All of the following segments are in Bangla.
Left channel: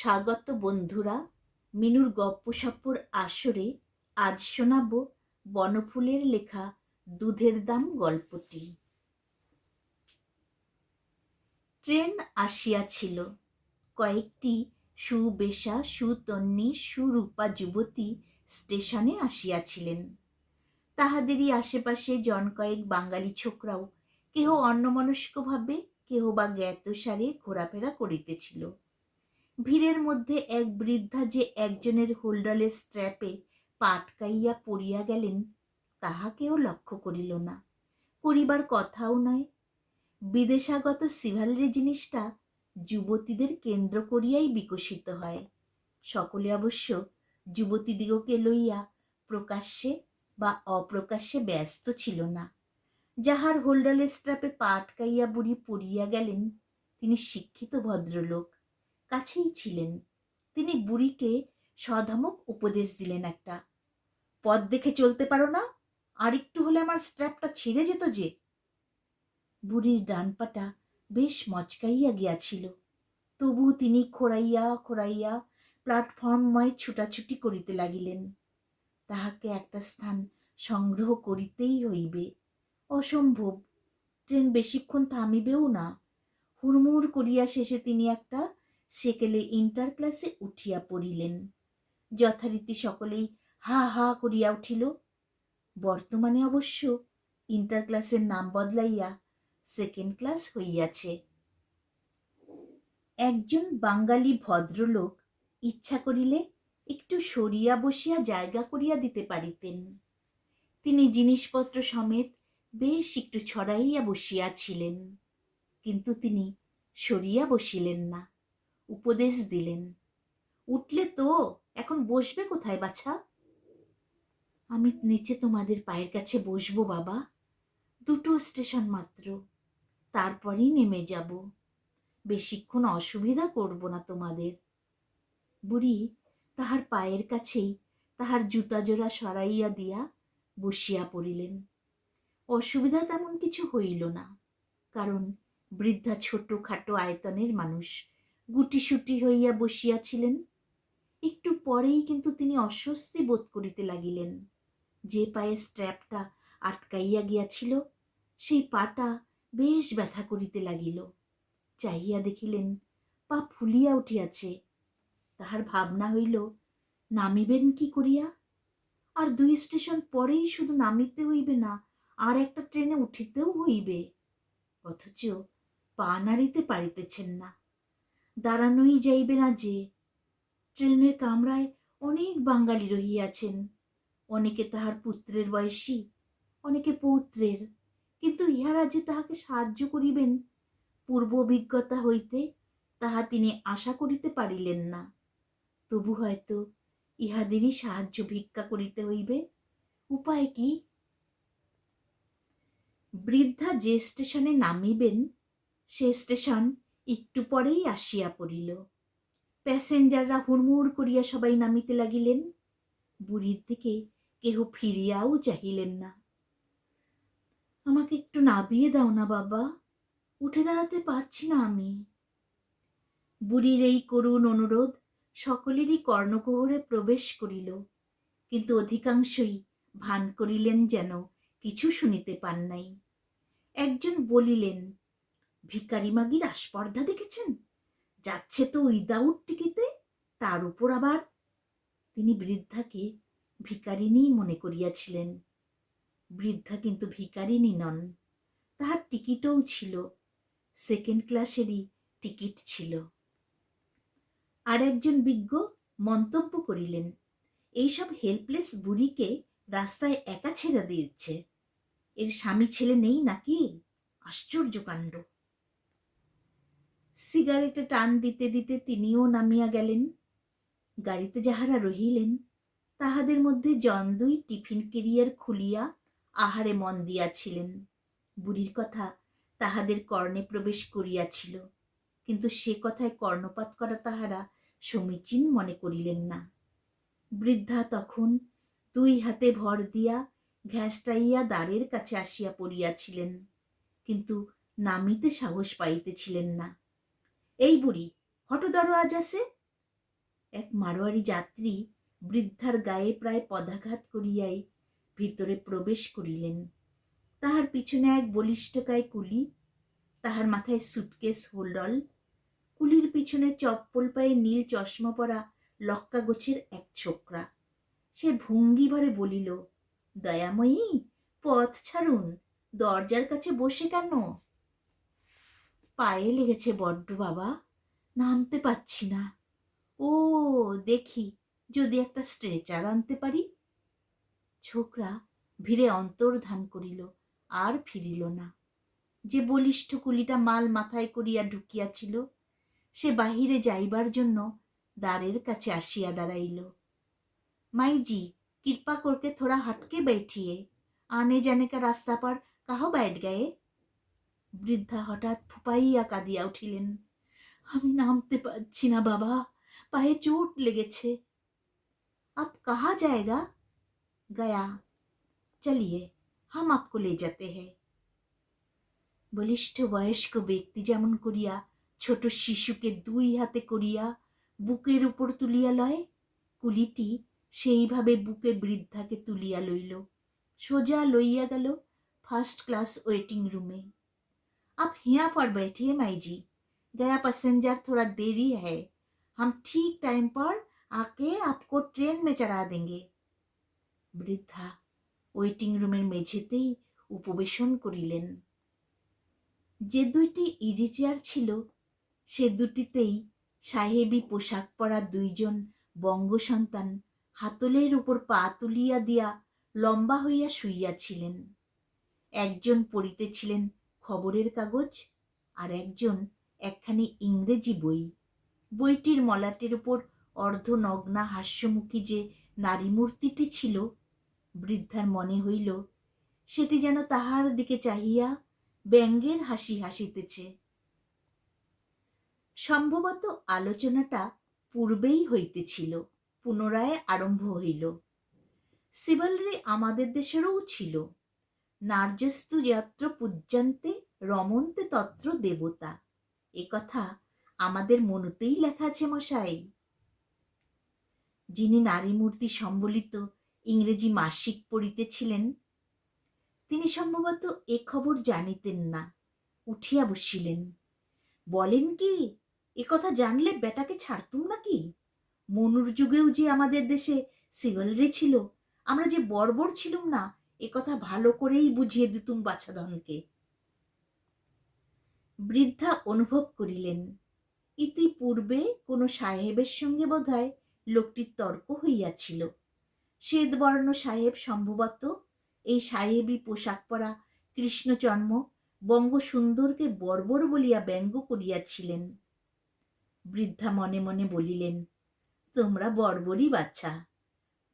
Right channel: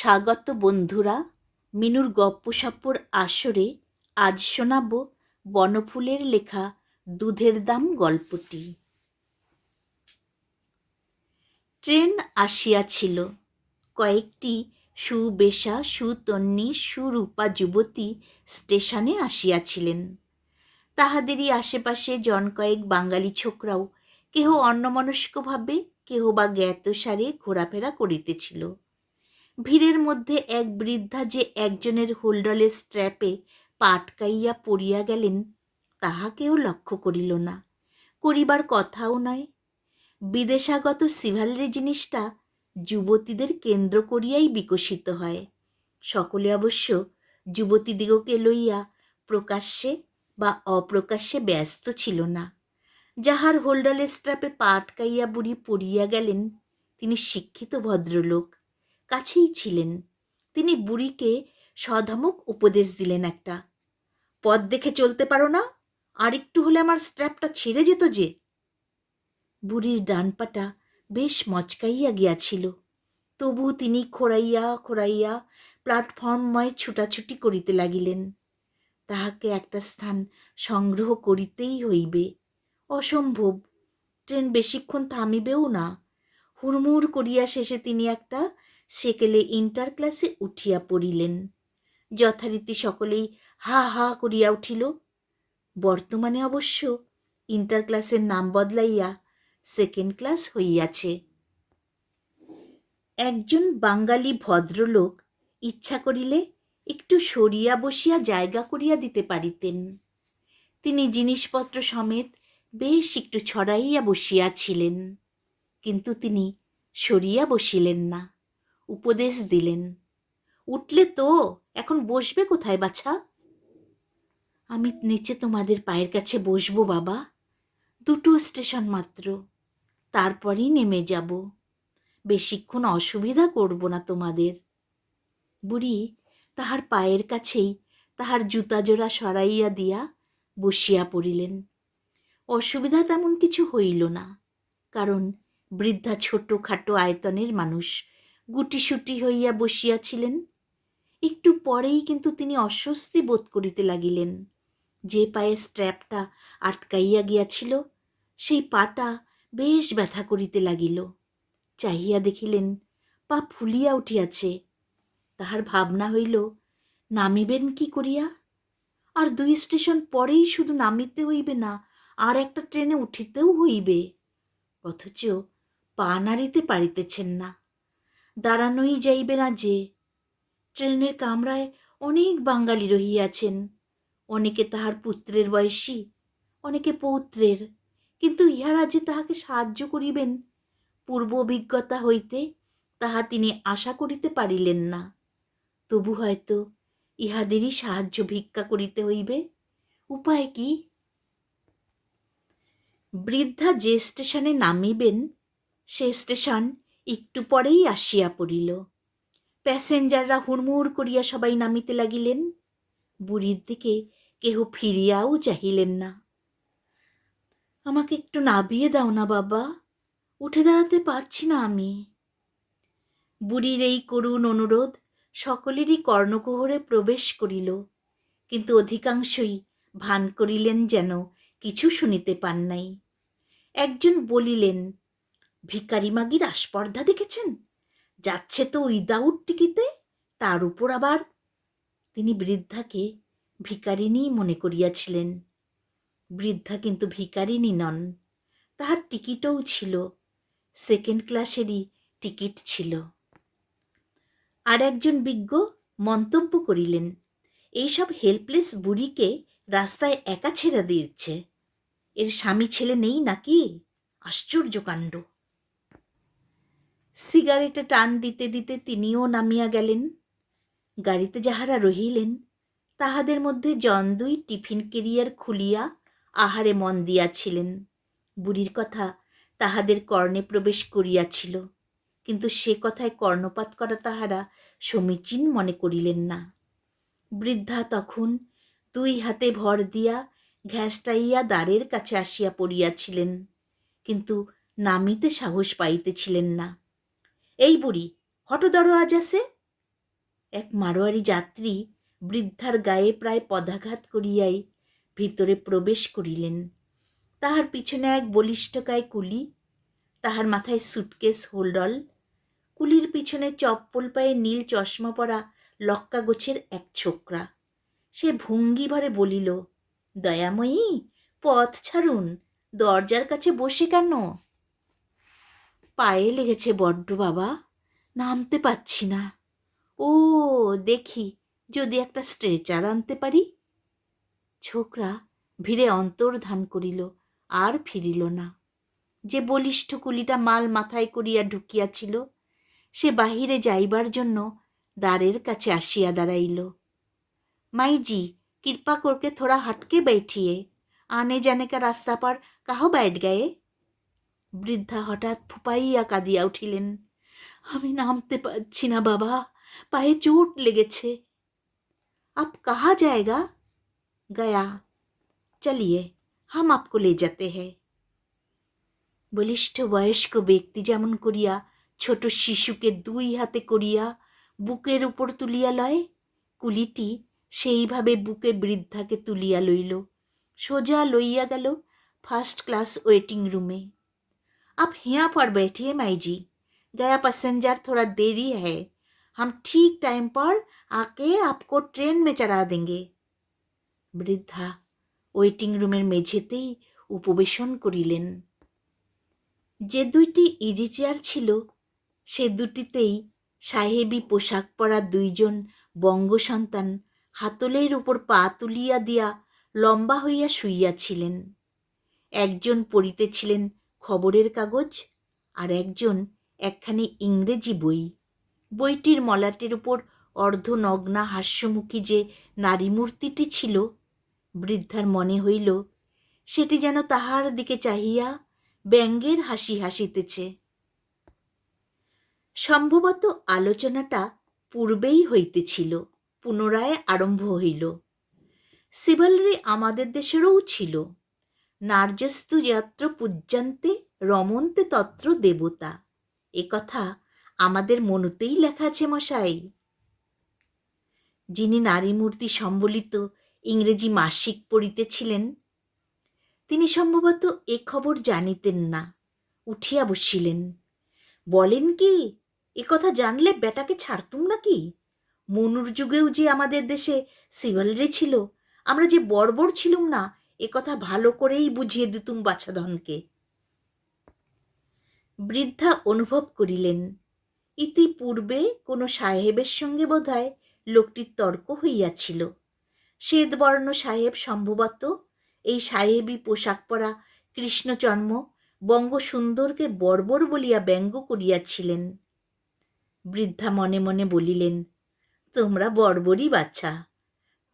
স্বাগত বন্ধুরা, মিনুর গপ্পসপ্পর আসরে আজ শোনাব বনফুলের লেখা দুধের দাম গল্পটি। ট্রেন আসিয়াছিল। কয়েকটি সুবেশা সুতন্বী সুরূপা যুবতী স্টেশনে আসিয়াছিলেন। তাহাদেরই আশেপাশে জন কয়েক বাঙালি ছোকরাও কেহ অন্যমনস্কভাবে, কেহ বা জ্ঞাতসারে ঘোরাফেরা করিতেছিল। ভিড়ের মধ্যে এক বৃদ্ধা যে একজনের হোল্ডারের স্ট্র্যাপে পা আটকাইয়া পড়িয়া গেলেন, তাহা কেউ লক্ষ্য করিল না, করিবার কথাও নয়। বিদেশাগত সিভালরি জিনিসটা যুবতীদের কেন্দ্র করিয়াই বিকশিত হয়। সকলে অবশ্য যুবতীদিগকে লইয়া প্রকাশ্যে বা অপ্রকাশ্যে ব্যস্ত ছিল না। যাহার হোল্ডারের স্ট্র্যাপে পা আটকাইয়া বুড়ি পড়িয়া গেলেন, তিনি শিক্ষিত ভদ্রলোক, কাছেই ছিলেন। তিনি বুড়িকে সধমক উপদেশ দিলেন একটা, পথ দেখে চলতে পারো না? আর একটু হলে আমার স্ট্র্যাপটা ছিঁড়ে যেত যে। বুড়ির ডান পাটা বেশ মচকাইয়া গিয়াছিল, তবু তিনি খোঁড়াইয়া খোঁড়াইয়া প্ল্যাটফর্মময় ছুটাছুটি করিতে লাগিলেন। তাহাকে একটা স্থান সংগ্রহ করিতেই হইবে। অসম্ভব, ট্রেন বেশিক্ষণ থামিবেও না। হুড়মুড় করিয়া শেষে তিনি একটা সেকেলে ইন্টার ক্লাসে উঠিয়া পড়িলেন। যথারীতি সকলেই হা হা করিয়া উঠিল। বর্তমানে অবশ্য ইন্টার ক্লাসের নাম বদলাইয়া সেকেন্ড ক্লাস হইয়াছে। একজন বাঙালি ভদ্রলোক ইচ্ছা করিলে একটু সরিয়া বসিয়া জায়গা করিয়া দিতে পারিতেন। তিনি জিনিসপত্র সমেত বেশ একটু ছড়াইয়া বসিয়াছিলেন, কিন্তু তিনি সরিয়া বসিলেন না। উপদেশ দিলেন, উঠলে তো, এখন বসবে কোথায় বাছা? আমি নিচে তোমাদের পায়ের কাছে বসবো বাবা, 2 স্টেশন মাত্র, তারপরই নেমে যাব। বেশিক্ষণ অসুবিধা করব না তোমাদের। বুড়ি তাহার পায়ের কাছেই তাহার জুতা জোড়া সরাইয়া দিয়া বসিয়া পড়িলেন। অসুবিধা তেমন কিছু হইল না, কারণ বৃদ্ধা ছোটোখাটো আয়তনের মানুষ, গুটিসুটি হইয়া বসিয়াছিলেন। একটু পরেই কিন্তু তিনি অস্বস্তি বোধ করিতে লাগিলেন। যে পায়ে স্ট্র্যাপটা আটকাইয়া গিয়াছিল, সেই পাটা বেশ ব্যথা করিতে লাগিল। চাহিয়া দেখিলেন পা ফুলিয়া উঠিয়াছে। তাহার ভাবনা হইল, নামিবেন কি করিয়া? আর 2 স্টেশন পরেই শুধু নামিতে হইবে না, আর একটা ট্রেনে উঠিতেও হইবে। অথচ পা নাড়িতে পারিতেছেন না, দাঁড়ানোই যাইবে না যে। ট্রেনের কামরায় অনেক বাঙালি রহিয়াছেন, অনেকে তাহার পুত্রের বয়সী, অনেকে পৌত্রের, কিন্তু ইহারা যে তাহাকে সাহায্য করিবেন, পূর্ব অভিজ্ঞতা হইতে তাহা তিনি আশা করিতে পারিলেন না। তবু হয়তো ইহাদেরই সাহায্য ভিক্ষা করিতে হইবে। উপায় কি? বৃদ্ধা যে স্টেশনে নামিবেন, সে স্টেশন একটু পরেই আসিয়া পড়িল। প্যাসেঞ্জাররা হুড়মুড় করিয়া সবাই নামিতে লাগিলেন। বুড়ির দিকে কেহ ফিরিয়াও চাহিলেন না। আমাকে একটু নামিয়ে দাও না বাবা, উঠে দাঁড়াতে পারছি না আমি। বুড়ির এই করুণ অনুরোধ সকলেরই কর্ণকুহরে প্রবেশ করিল, কিন্তু অধিকাংশই ভান করিলেন যেন কিছু শুনিতে পান নাই। একজন বলিলেন, ভিখারি মাগির আস্পর্ধা দেখেছেন? যাচ্ছে তো উইদাউট টিকিটে, তার উপর আবার। তিনি বৃদ্ধাকে ভিখারিনী মনে করিয়াছিলেন। বৃদ্ধা কিন্তু ভিখারিনী নন, তাহার টিকিটও ছিল, সেকেন্ড ক্লাসেরই টিকিট ছিল। আর একজন বিজ্ঞ মন্তব্য করিলেন, এইসব হেল্পলেস বুড়িকে রাস্তায় একা ছেড়ে দিচ্ছে, এর স্বামী ছেলে নেই নাকি? আশ্চর্য কাণ্ড। সিগারেটে টান দিতে দিতে তিনিও নামিয়া গেলেন। গাড়িতে যাহারা রহিলেন, তাহাদের মধ্যে জন 2 টিফিন কেরিয়ার খুলিয়া আহারে মন দিয়াছিলেন। বুড়ির কথা তাহাদের কর্ণে প্রবেশ করিয়াছিল, কিন্তু সে কথায় কর্ণপাত করা তাহারা সমীচীন মনে করিলেন না। বৃদ্ধা তখন 2 হাতে ভর দিয়া ঘ্যাসটাইয়া দ্বারের কাছে আসিয়া পড়িয়াছিলেন, কিন্তু নামিতে সাহস পাইতেছিলেন না। এই বুড়ি, হঠ দরওয়াজা সে। এক মারোয়ারি যাত্রী বৃদ্ধার গায়ে প্রায় পদাঘাত করিয়াই ভিতরে প্রবেশ করিলেন। তাহার পিছনে এক বলিষ্ঠকায় কুলি, তাহার মাথায় সুটকেস হোল্ডল, কুলির পিছনে চপ্পল পায়ে নীল চশমা পরা লক্কা গোছের এক ছোকরা। সে ভঙ্গি ভরে বলিল, দয়াময়ী, পথ ছাড়ুন, দরজার কাছে বসে কেন? পায়ে লেগেছে বড্ড বাবা, নামতে পাচ্ছি না। ও, দেখি যদি একটা স্ট্রেচার আনতে পারি। ছোকরা ভিড়ে অন্তর্ধান করিল, আর ফিরিল না। যে বলিষ্ঠ কুলিটা মাল মাথায় করিয়া ঢুকিয়াছিল, সে বাহিরে যাইবার জন্য দ্বারের কাছে আসিয়া দাঁড়াইল। মাইজি, কৃপা করকে থোড়া হটকে बैठिए, आने जाने का रास्ता पर काहो बैठ गए? বৃদ্ধা হঠাৎ ফুপাইয়া কাঁদিয়া উঠিলেন। আমি নামতে পারছি না বাবা, পায়ে চোট লেগেছে। আপ কাহা জায়গা? গয়া। চলিয়ে, হাম আপকো লে যেতে হ্যায়। বলিষ্ঠ বয়স্ক ব্যক্তি যেমন করিয়া ছোট শিশুকে দুই হাতে করিয়া বুকের উপর তুলিয়া লয়, কুলিটি সেইভাবে বুকে বৃদ্ধাকে তুলিয়া লইল, সোজা লইয়া গেল ফার্স্ট ক্লাস ওয়েটিং রুমে। आप यहाँ पर बैठिए माई जी, गया पैसेंजर थोड़ा देरी है, हम ठीक टाइम पर आके आपको ट्रेन में चढ़ा देंगे। বৃদ্ধা ওয়েটিং রুমের মেঝেতেই উপবেশন করিলেন। যে দুইটি ইজি চেয়ার ছিল, সে দুটিতেই সাহেবী পোশাক পরা দুইজন বঙ্গ সন্তান হাতলের উপর পা তুলিয়া দিয়া লম্বা হইয়া শুইয়াছিলেন। একজন পড়িতেছিলেন খবরের কাগজ, আর একজন একখানি ইংরেজি বই। বইটির মলাটের উপর অর্ধনগ্না হাস্যমুখী যে নারী মূর্তিটি ছিল, বৃদ্ধার মনে হইল সেটি যেন তাহার দিকে চাহিয়া ব্যঙ্গের হাসি হাসিতেছে। সম্ভবত আলোচনাটা পূর্বেই হইতেছিল, পুনরায় আরম্ভ হইল। সিভালরি আমাদের দেশেরও ছিল। নার্যস্তু যত্র পূজ্যন্তে রমন্তে তত্র দেবতা, এ কথা আমাদের মনতেই লেখা আছে মশাই। যিনি নারী মূর্তি সম্বলিত ইংরেজি মাসিক পড়িতেছিলেন, তিনি সম্ভবত এ খবর জানিতেন না। উঠিয়া বসিলেন। বলেন কি, এ কথা জানলে বেটাকে ছাড়তুম নাকি? মনুর যুগেও যে আমাদের দেশে সিভালরি ছিল, আমরা যে বর্বর ছিলুম না, এ কথা ভালো করেই বুঝিয়ে দিতুম বাছাধনকে। বৃদ্ধা অনুভব করিলেন, ইতিপূর্বে কোনো সাহেবের সঙ্গে বোধহয় লোকটির তর্ক হইয়াছিল। শ্বেতবর্ণ সাহেব সম্ভবত এই সাহেবী পোশাক পরা কৃষ্ণচর্ম বঙ্গসুন্দরকে বর্বর বলিয়া ব্যঙ্গ করিয়াছিলেন। বৃদ্ধা মনে মনে বলিলেন, তোমরা বর্বরই বাচ্চা,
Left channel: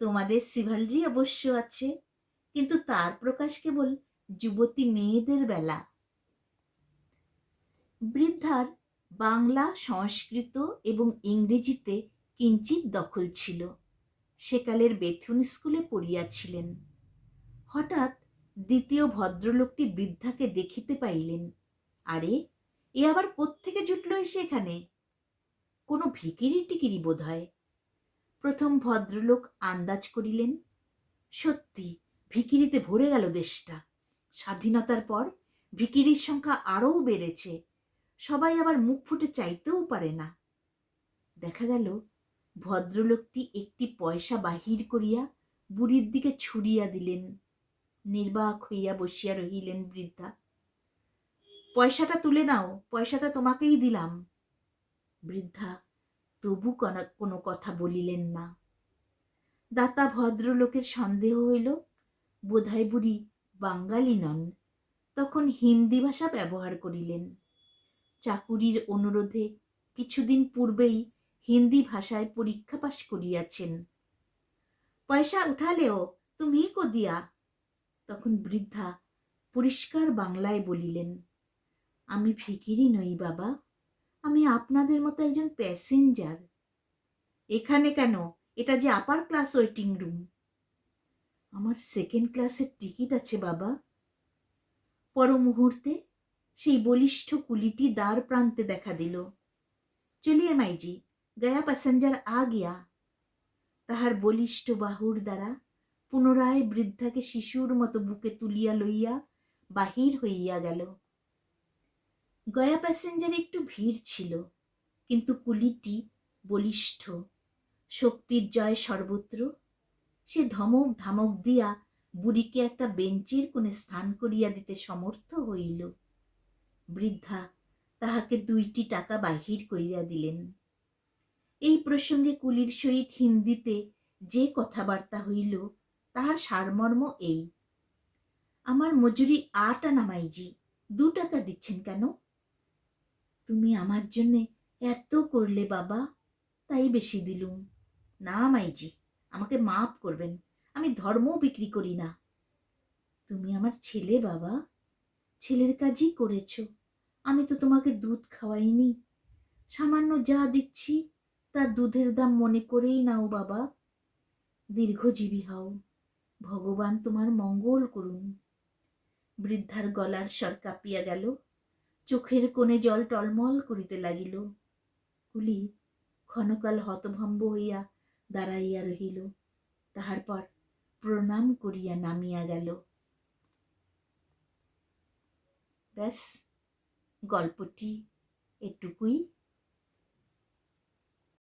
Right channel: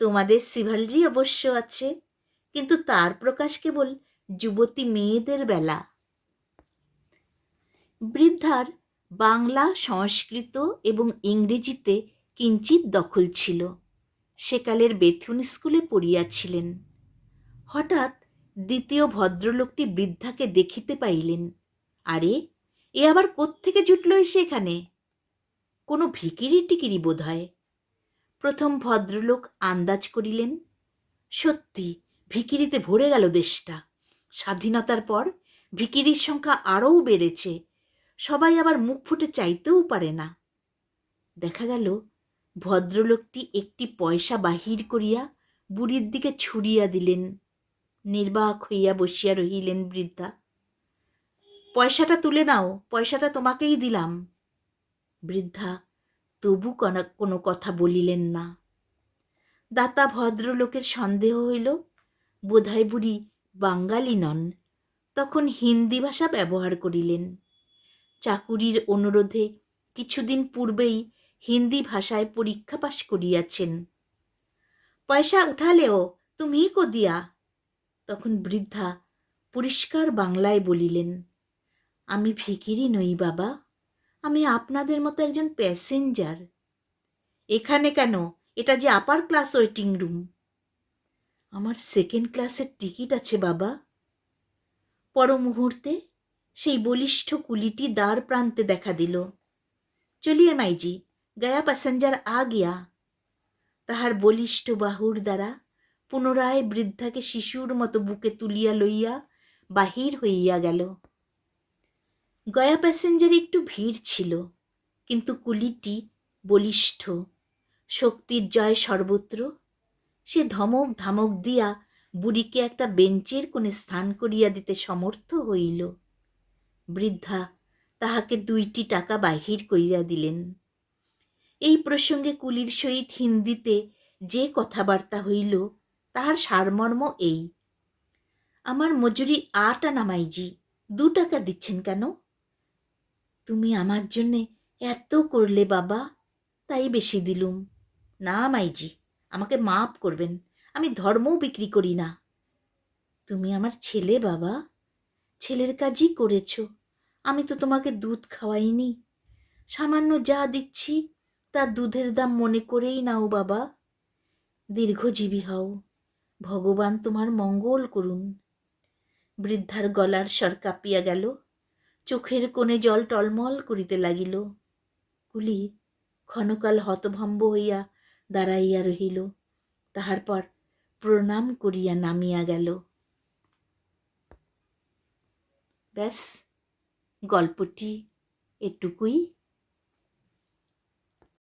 তোমাদের সিভালরি অবশ্য আছে, কিন্তু তার প্রকাশ কেবল যুবতী মেয়েদের বেলা। বৃদ্ধার বাংলা, সংস্কৃত এবং ইংরেজিতে কিঞ্চিত দখল ছিল। সেকালের বেথুন স্কুলে পড়িয়াছিলেন। হঠাৎ দ্বিতীয় ভদ্রলোকটি বৃদ্ধাকে দেখিতে পাইলেন। আরে, এ আবার কোত্থেকে জুটল এসে এখানে? কোনো ভিকিরি টিকিরি বোধ হয়। প্রথম ভদ্রলোক আন্দাজ করিলেন, সত্যি ভিকিরিতে ভরে গেল দেশটা। স্বাধীনতার পর ভিকিরির সংখ্যা আরও বেড়েছে, সবাই আবার মুখ ফুটে চাইতেও পারে না। দেখা গেল ভদ্রলোকটি একটি পয়সা বাহির করিয়া বুড়ির দিকে ছুড়িয়া দিলেন। নির্বাক হইয়া বসিয়া রহিলেন বৃদ্ধা। পয়সাটা তুলে নাও, পয়সাটা তোমাকেই দিলাম। বৃদ্ধা তবু কোনো কথা বলিলেন না। দাতা ভদ্রলোকের সন্দেহ হইল, বোধহয় বুড়ি বাঙালি নন। তখন হিন্দি ভাষা ব্যবহার করিলেন। চাকুরির অনুরোধে কিছুদিন পূর্বেই হিন্দি ভাষায় পরীক্ষা পাশ করিয়াছেন। পয়সা উঠালেও তুমি কো দিয়া? তখন বৃদ্ধা পরিষ্কার বাংলায় বলিলেন, আমি ভিখিরি নই বাবা, আমি আপনাদের মতো একজন প্যাসেঞ্জার। এখানে কেন? এটা যে আপার ক্লাস ওয়েটিং রুম। আমার সেকেন্ড ক্লাসের টিকিট আছে বাবা। পর মুহূর্তে সেই বলিষ্ঠ কুলিটি দ্বার প্রান্তে দেখা দিল। চলিয়ে মাইজি, গয়া প্যাসেঞ্জার আ গিয়া। তাহার বলিষ্ঠ বাহুর দ্বারা পুনরায় বৃদ্ধাকে শিশুর মতো বুকে তুলিয়া লইয়া বাহির হইয়া গেল। গয়া প্যাসেঞ্জারে একটু ভিড় ছিল, কিন্তু কুলিটি বলিষ্ঠ, শক্তির জয় সর্বত্র। সে ধমক ধামক দিয়া বুড়িকে একটা বেঞ্চের কোণে স্থান করিয়া দিতে সমর্থ হইল। বৃদ্ধা তাহাকে 2টি টাকা বাহির করিয়া দিলেন। এই প্রসঙ্গে কুলির সহিত হিন্দিতে যে কথাবার্তা হইল তাহার সারমর্ম এই: আমার মজুরি 8 আনা মাইজি, 2 টাকা দিচ্ছেন কেন? তুমি আমার জন্যে এত করলে বাবা, তাই বেশি দিলুম। না মাইজি, আমাকে মাপ করবেন, আমি ধর্মও বিক্রি করি না। তুমি আমার ছেলে বাবা, ছেলের কাজই করেছ। আমি তো তোমাকে দুধ খাওয়াইনি। সামান্য যা দিচ্ছি তা দুধের দাম মনে করেই নাও বাবা। দীর্ঘজীবী হও, ভগবান তোমার মঙ্গল করুন। বৃদ্ধার গলার স্বর কাঁপিয়া গেল, চোখের কোণে জল টলমল করিতে লাগিল। কুলি ক্ষণকাল হতভম্ব হইয়া দাঁড়াইয়া রহিল, তাহার পর প্রণাম করিয়া নামিয়া গেল। ব্যাস, গল্পটি এটুকুই।